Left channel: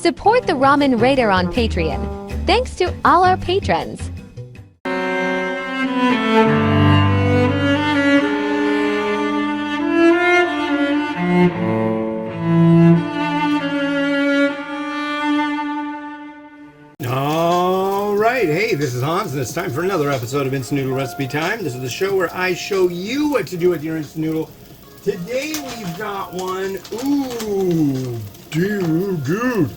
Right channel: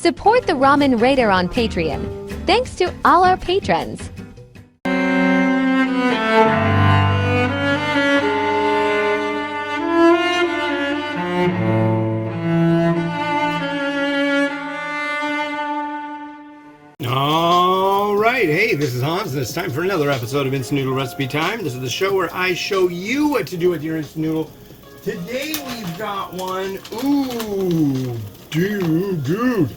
Support the Ramen Raider on Patreon. Thanks to all our patrons. All right, hey, this is Hans, and it's time for another episode of Instant Noodle Recipe Time. This is the show where I show you what to do with your instant noodle. Today we've got one. Ooh, dude.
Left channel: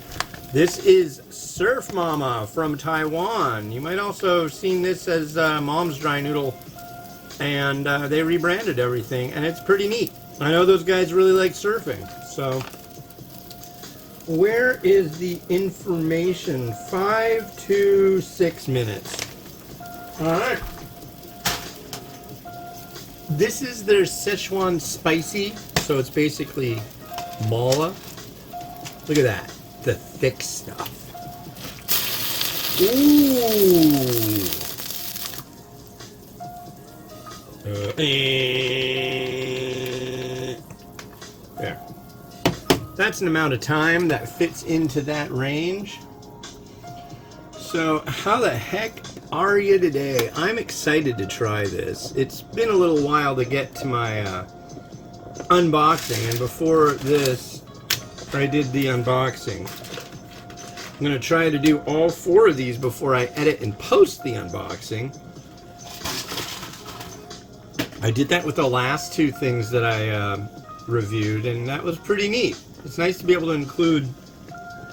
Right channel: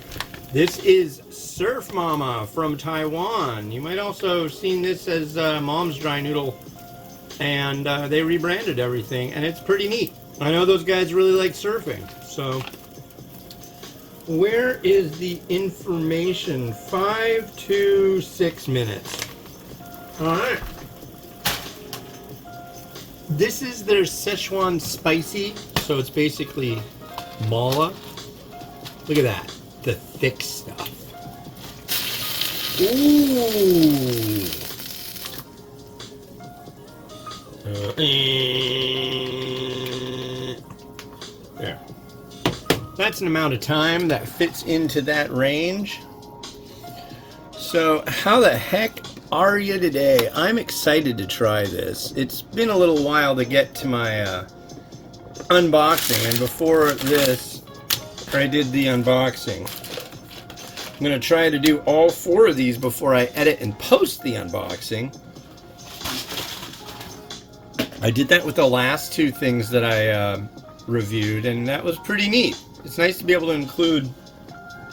This is Surfmama from Taiwan. You might also have seen this as Mom's Dry Noodle, and they rebranded everything, and it's pretty neat. I know those guys really like surfing, so where is the information? 5 to 6 minutes. All right. This is their Sichuan spicy, so it's basically mala. Look at that, the thick stuff. Ooh. There. That's an amount of time that fits into that range. So how the heck are you today? I'm excited to try this. It's been a little while to get to my unboxing, and before this I did the unboxing. I'm going to try to do all 4 of these before I edit and post the unboxing. I did that with the last 2 things that I reviewed, and that was pretty neat. It's nice to be able to include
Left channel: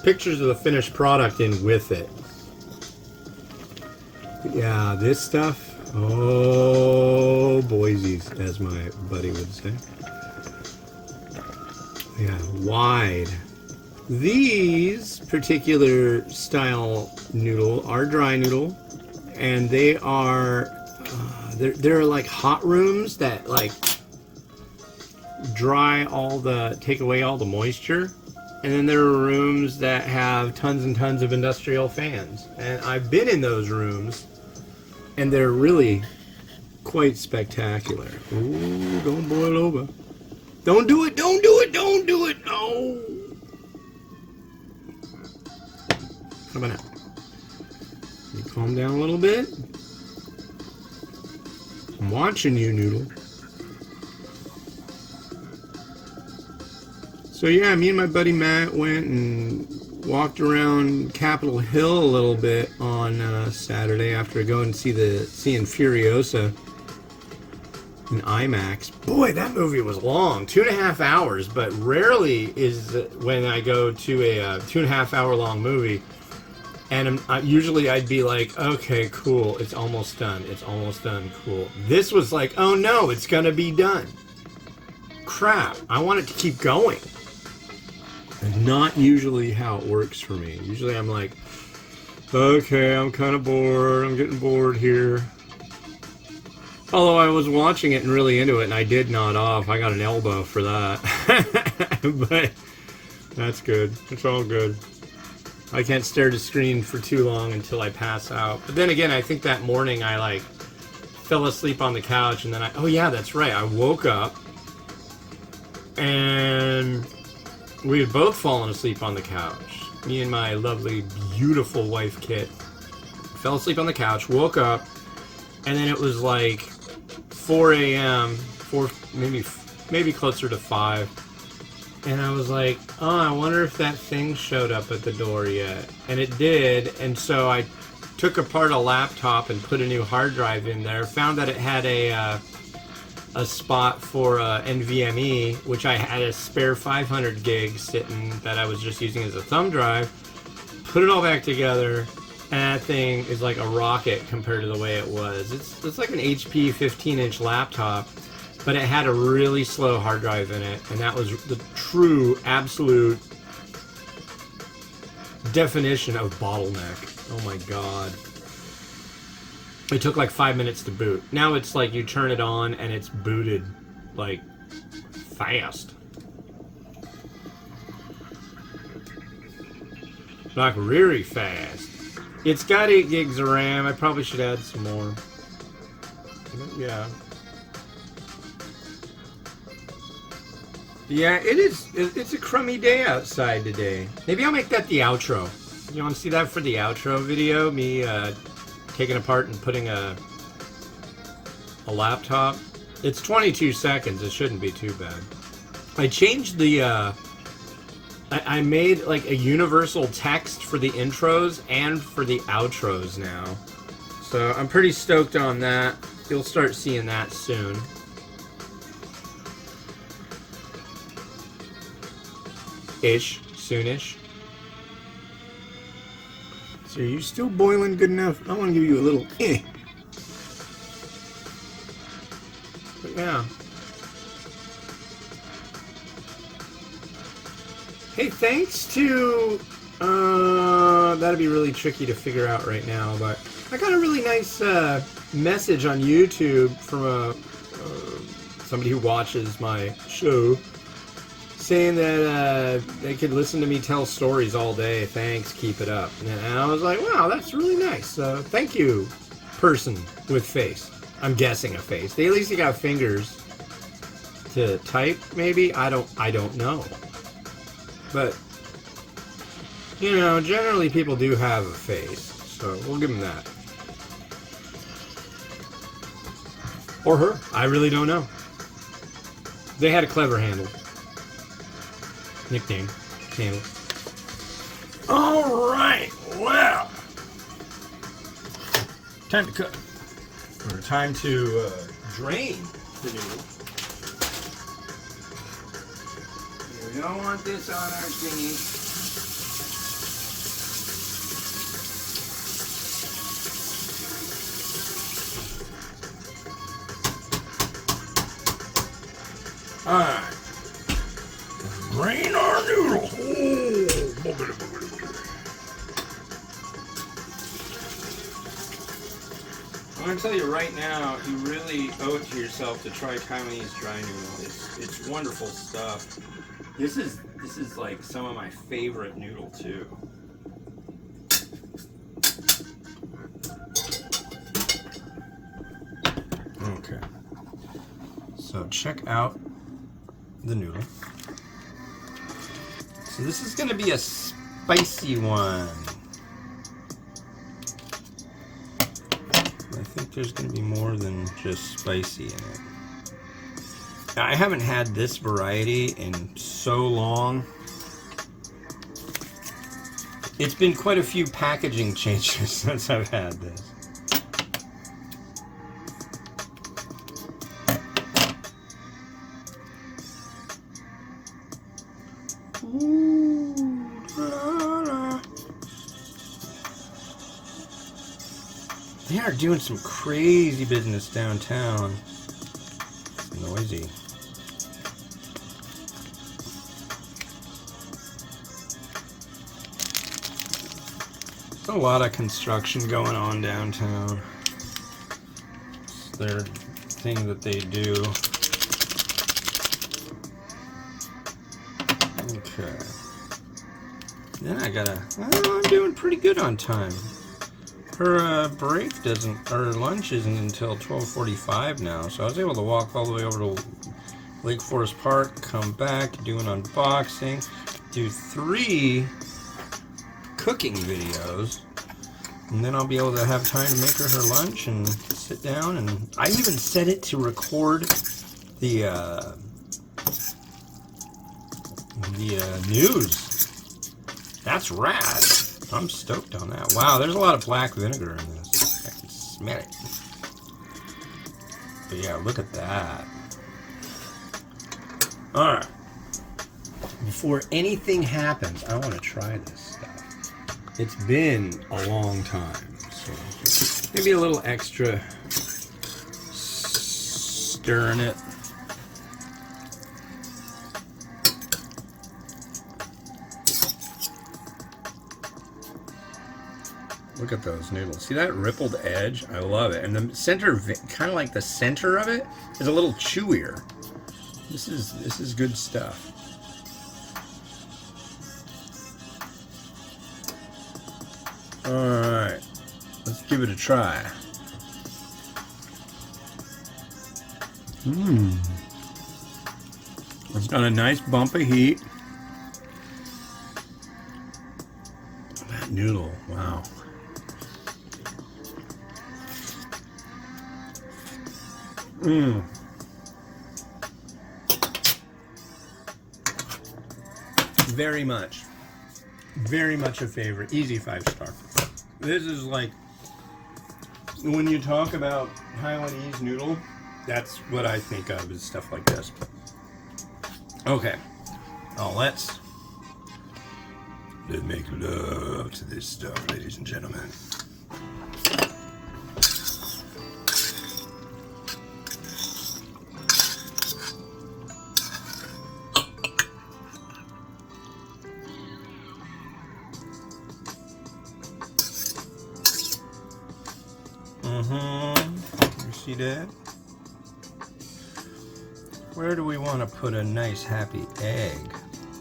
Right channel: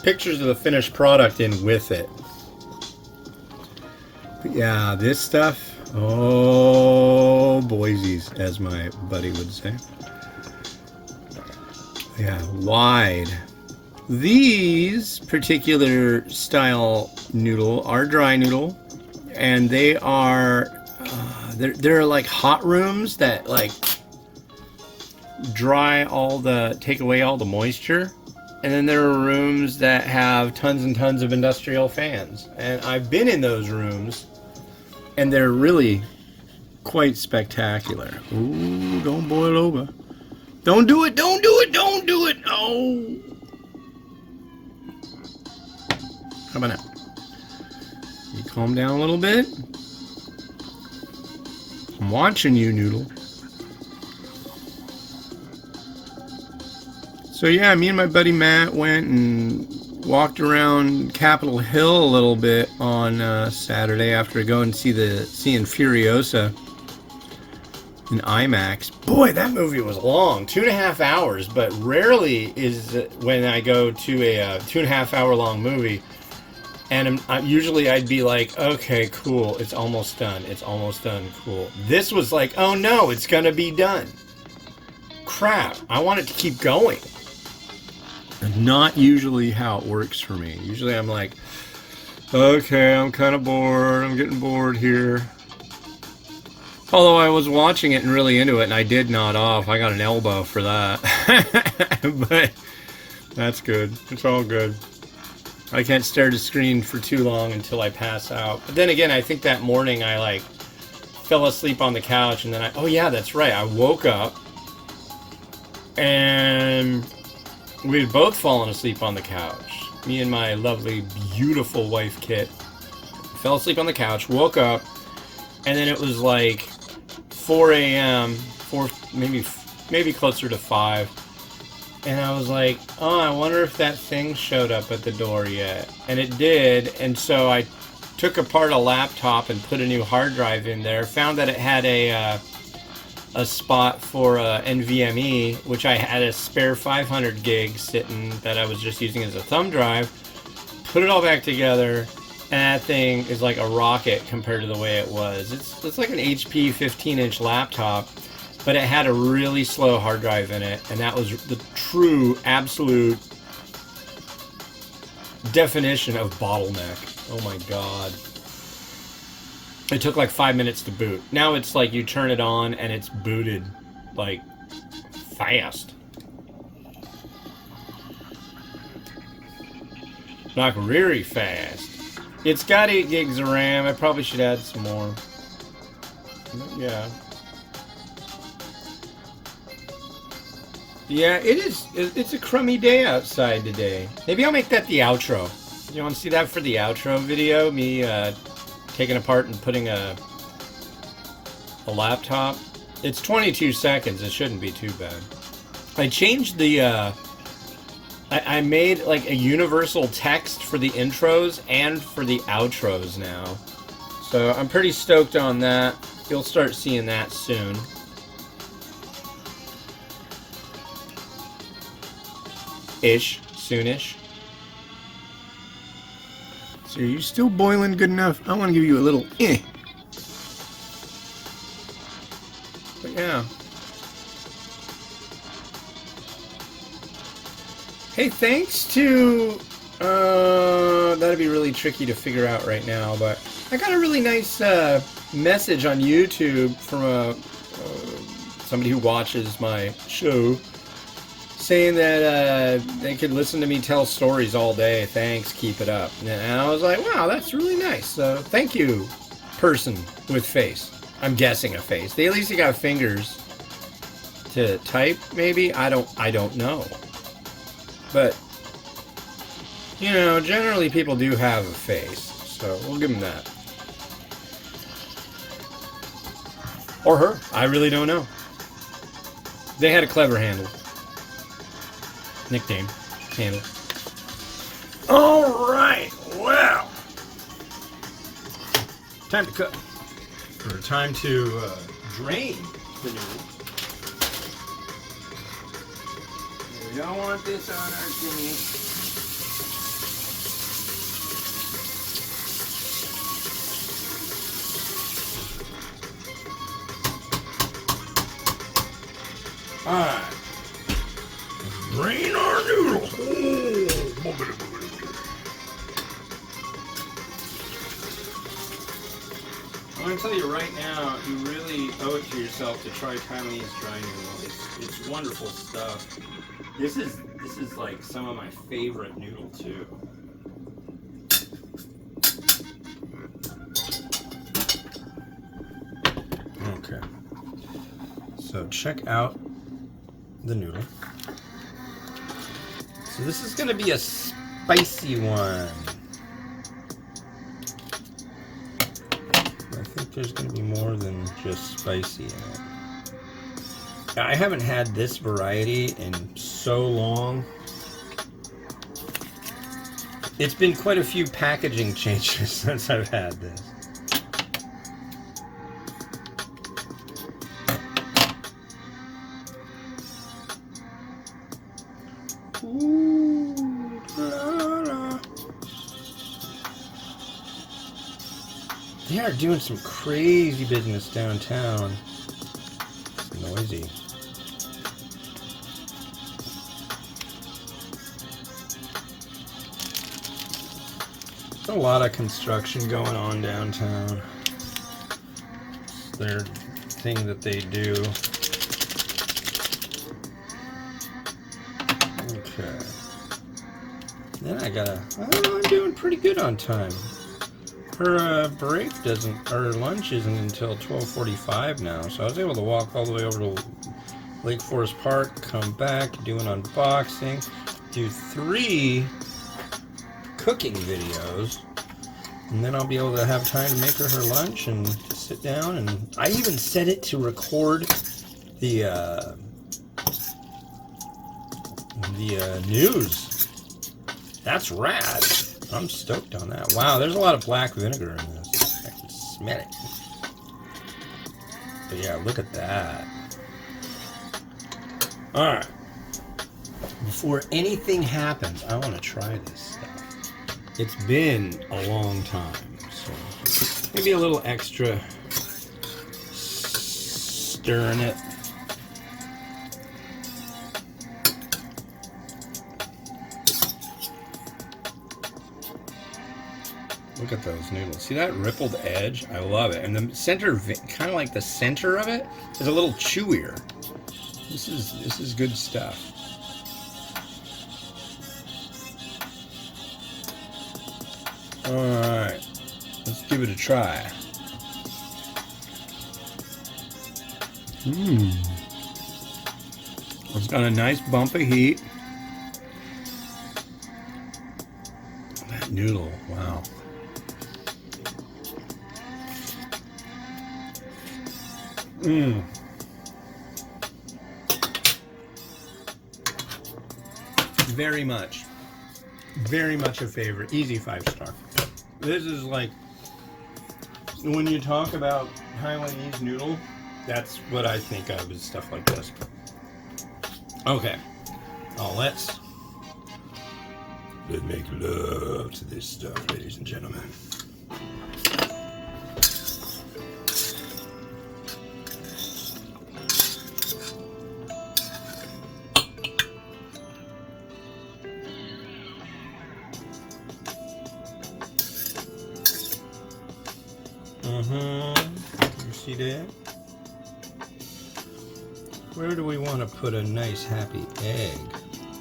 pictures of the finished product in with it. But yeah, this stuff, oh boysies, as my buddy would say. Yeah, wide. These particular style noodle are dry noodle, and they are, they're like hot rooms that like take away all the moisture, and then there are rooms that have tons and tons of industrial fans, and I've been in those rooms and they're really quite spectacular. Ooh, don't boil over. Don't do it. Oh, how about now? You calm down a little bit. I'm watching you, Noodle. So yeah, me and my buddy Matt went and walked around Capitol Hill a little bit on Saturday after going to seeing Furiosa in IMAX. Boy, that movie was long, 2.5 hours. But rarely is when I go to a 2.5 hour long movie, and usually I'd be like, okay, cool, it's almost done, cool. This was like, oh no, it's gonna be done. Crap, I want it to keep going. Not usually how it works for me. Usually I'm like, okay, I'm kind of bored. I'm getting bored here. Although I was watching it and really into it, and I did nod off. I got an elbow for that. But that's good. It's all good. I can't stare at the screen for too long until I pass out. But then again, I think that morning I like fell asleep on the couch, and then oh yeah, that's right. I woke up and we had both fallen asleep on the couch. Me and my lovely, beautiful wife, Kit, fell asleep on the couch, woke up, and then it was like 4 a.m., maybe closer to 5. And I was like, oh, I wonder if that thing showed up at the door yet. And it did, and so I took apart a laptop and put a new hard drive in there, found that it had a spot for NVMe, which I had a spare 500 gig sitting that I was just using as a thumb drive. Put it all back together, and that thing is like a rocket compared to the way it was. It's like an HP 15-inch laptop, but it had a really slow hard drive in it, and that was the true, absolute definition of bottleneck. Oh my god. It took like 5 minutes to boot. Now it's like you turn it on and it's booted like fast. Like really fast. It's got 8 gigs of RAM. I probably should add some more. Yeah. Yeah, it is. It's a crummy day outside today. Maybe I'll make that the outro. You want to see that for the outro video? Me taking apart and putting a laptop. It's 22 seconds. It shouldn't be too bad. I changed the. I made like a universal text for the intros and for the outros now. So I'm pretty stoked on that. You'll start seeing that soon. Soonish. So are you still boiling good enough? I want to give you a little But yeah. Hey, thanks to that'd be really tricky to figure out right now, but I got a really nice message on YouTube from somebody who watches my show, saying that they could listen to me tell stories all day. Thanks, keep it up. And I was like, wow, that's really nice. Thank you, person with face. I'm guessing a face. They at least got fingers to type, maybe. I don't know. But you know, generally people do have a face, so we'll give them that. Or her. I really don't know. They had a clever handle. Nickname. Handle. Alright, well. Time to cook. Or time to drain the noodle. We don't want this on our thingy. Alright. Drain our noodle. I'm going to tell you right now, you really owe it to yourself to try Taiwanese dry noodle. It's wonderful stuff. This is like some of my favorite noodle too. Okay. So check out the noodle. So this is going to be a spicy one. I think there's going to be more than just spicy in it. I haven't had this variety in so long. It's been quite a few packaging changes since I've had this. Ooh, la, la. They are doing some crazy business downtown. It's noisy. A lot of construction going on downtown. It's their thing that they do. Okay. Then I'm doing pretty good on time. Her break doesn't, or lunch isn't until 12:45 now, so I was able to walk all the way over to Lake Forest Park, come back, do an unboxing, do 3 cooking videos, and then I'll be able to have time to make her lunch and sit down. And I even set it to record the news. That's rad. I'm stoked on that. Wow, there's a lot of black vinegar in this. I can smell it. But yeah, look at that. Alright. Before anything happens, I want to try this stuff. It's been a long time, so maybe a little extra stir in it. Look at those noodles. See that rippled edge? I love it. And the center, kind of like the center of it, is a little chewier. This is good stuff. Alright, let's give it a try. It's Got a nice bump of heat. That noodle, wow. Mmm. Very much a favorite. Easy 5-star. This is like, when you talk about Taiwanese noodle, that's what I think of, is stuff like this. Okay. Oh, let's make love to this stuff, ladies and gentlemen. You see that? Where do we want to put a nice happy egg?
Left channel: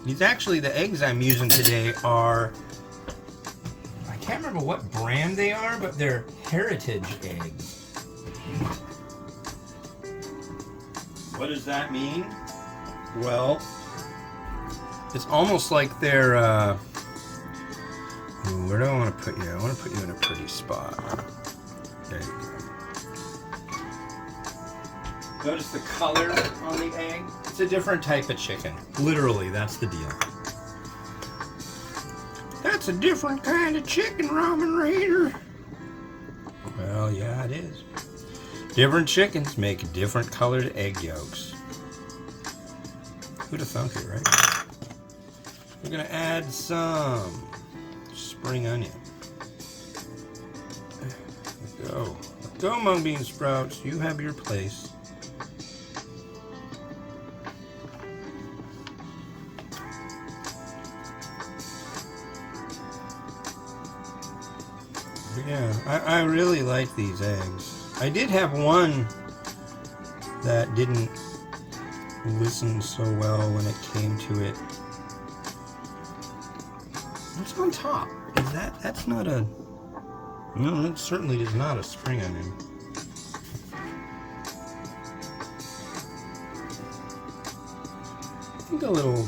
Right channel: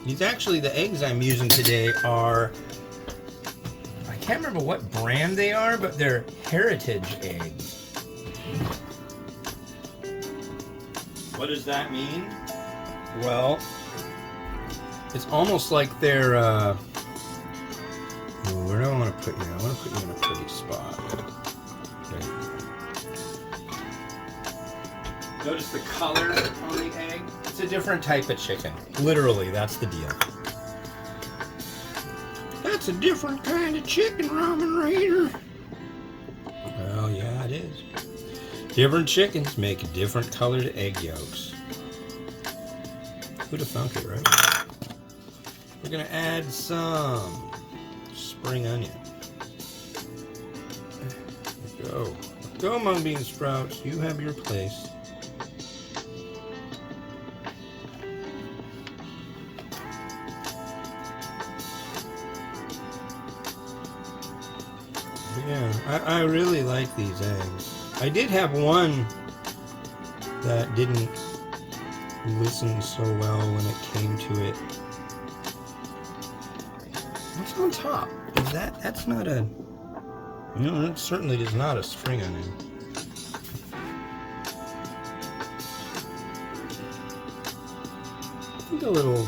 These actually, the eggs I'm using today are, I can't remember what brand they are, but they're heritage eggs. What does that mean? Well, it's almost like they're, where do I want to put you? I want to put you in a pretty spot. There you go. Notice the color on the egg? It's a different type of chicken. Literally, that's the deal. That's a different kind of chicken, Ramen Raider. Well, yeah, it is. Different chickens make different colored egg yolks. Who'd have thunk it, right? We're gonna add some spring onion. There we go. Go, mung bean sprouts. You have your place. Yeah, I really like these eggs. I did have one that didn't listen so well when it came to it. What's on top? Is that's not a... No, that certainly is not a spring onion. I think a little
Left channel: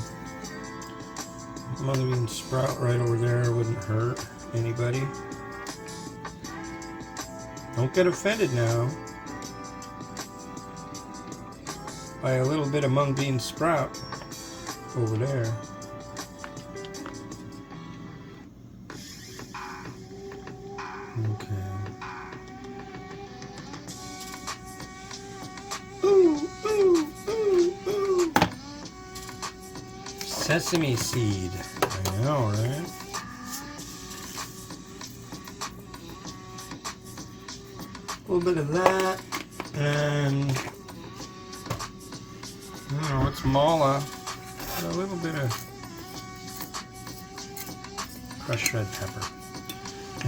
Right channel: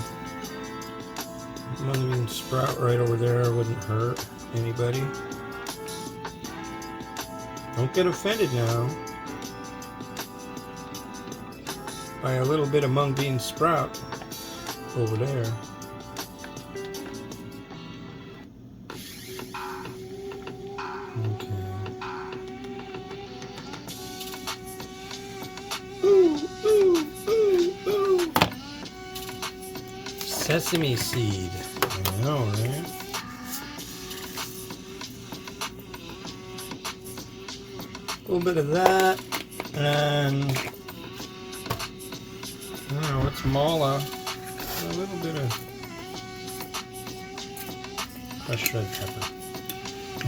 mung bean sprout right over there wouldn't hurt anybody. Don't get offended now by a little bit of mung bean sprout over there. Okay. Ooh, ooh, ooh, ooh. Sesame seed. I know, right? A little bit of that, and I don't know, it's mala, a little bit of crushed red pepper.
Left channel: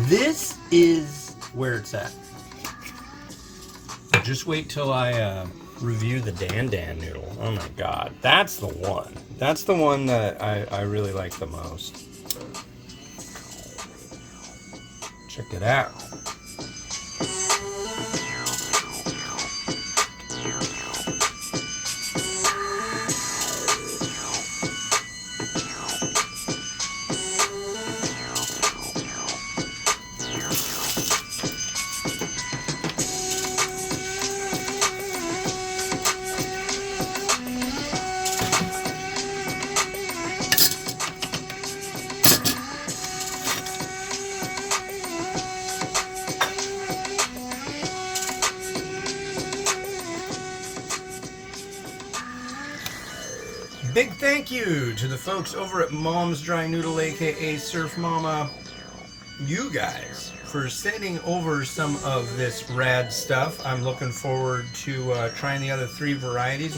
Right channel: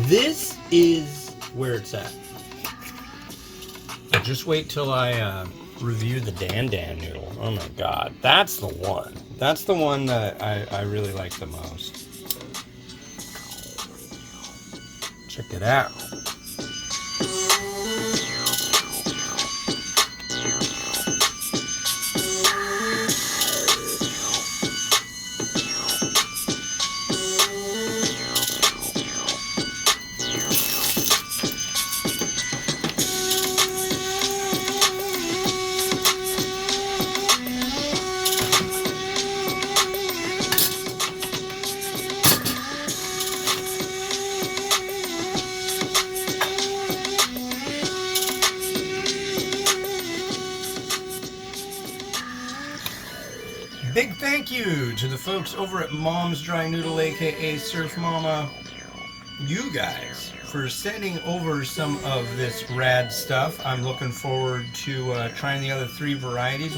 This is where it's at. Just wait till I review the Dan Dan noodle. Oh my god, that's the one. That's the one that I really like the most. Check it out. Big thank you to the folks over at Mom's Dry Noodle, aka Surfmama, you guys, for sending over some of this rad stuff. I'm looking forward to trying the other 3 varieties.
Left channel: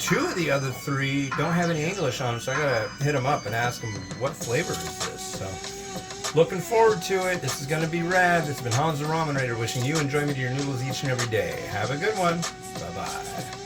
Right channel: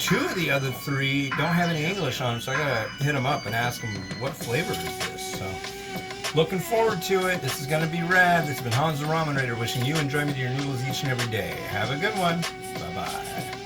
2 of the other 3 don't have any English on them, so I gotta hit them up and ask them what flavor is this. So, looking forward to it. This is gonna be rad. This has been Hans the Ramen Raider wishing you enjoyment of your noodles each and every day. Have a good one. Bye-bye.